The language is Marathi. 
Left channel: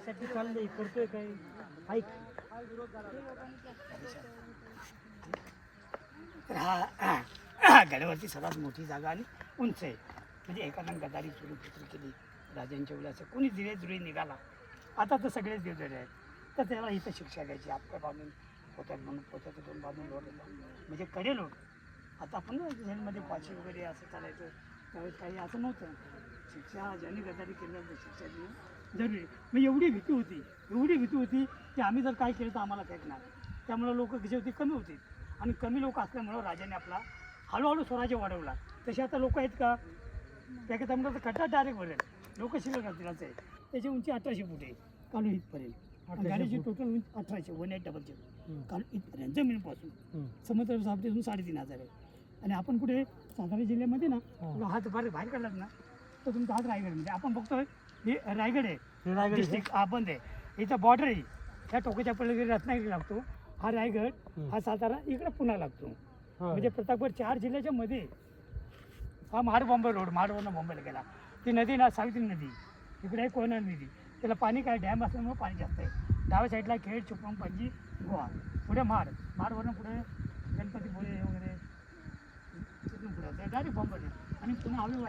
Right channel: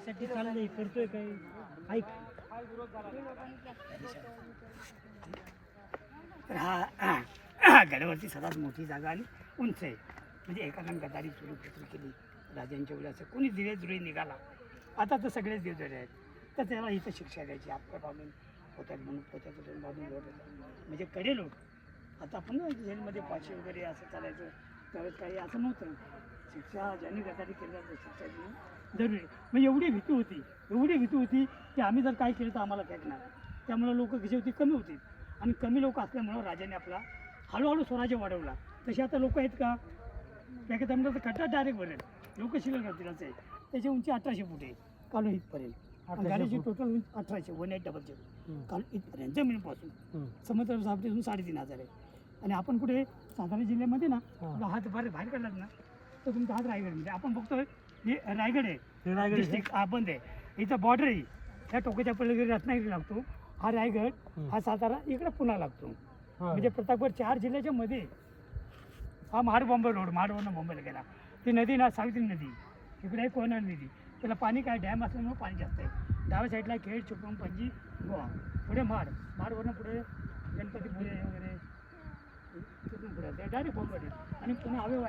साठी चाललंय करतोय काय ऐक. तर हा गडावरची सर्वात मोठी जागा आणि उंच आहे. म्हणजे एकानं गदारी सुरू केली राजांच्या वेळेस कोणी धीरे धीरे निघाला. आता तर सगळेच दिवजडे आहेत. तर त्याला इथं शिक्षा घ्यायची. आपल्या बांधून पोत्यात म्हणून पोत्यात बांधून लोट म्हणजे कडे लोट. आता आपण जेलमध्ये फाशी वगैरे असं चालायचं त्यावेळेस काही असं नव्हतं. शिक्षा ज्यांनी गदारी केलं तर शिक्षा देणं जरुरी. मग एवढी भीती होती की आम्ही जर काय केलं तर आम्हाला फेकणार. त्यामुळे लोक कशी होती कमी होती आणि कमी लोक असल्यामुळं राजाने आपला हळूहळू स्वराज्य वाढवला. तसे आता लोक आहेत का त्याच्यात आमचा कट्टा डायरेक्ट भरेल लोक शिकत असतीलच आहे. त्याची उंची 1800 फूट आहे कालू इथपर्यंत. गाडीची टोटल उंची 1800 1800 काल इथपर्यंत जमिनीपासून समुद्र सापटीतून 3500 आहे. आणि आपण कुठे सातारा जिल्ह्यामध्ये ना हात बाहेर काढलात ना तर तुमचा हात रायगडमध्ये. आपण बघतोय ही रायगड आहे डिस्ट्रिक्ट बंद आहे. इथं बॉर्डर आहे. ह्या टोकाच्या पलीकडे रत्नागिरी लागतो. हा रायगड हा सातारा इकडे पुन्हा लागतो. म्हणजे प्रतापगड 4 जिल्ह्याच्या मध्ये. हा महाड-बॉम्बे रोड महाडवरनं मुंबईला गेला. ती नदी ना सावित्री नदी इकडे आहे कोयना नदी. त्याला पाणी काय डॅम असल्यामुळे पाणी जास्त आहे. डाव्या साईडला खेड चिपळूण पणजी गोवा. पुढे महाडवरनं पुढे गणपतीपुळे वगैरे तिथून पुढे डायरेक्ट बॉम्बे आणि पुन्हा हळूहळू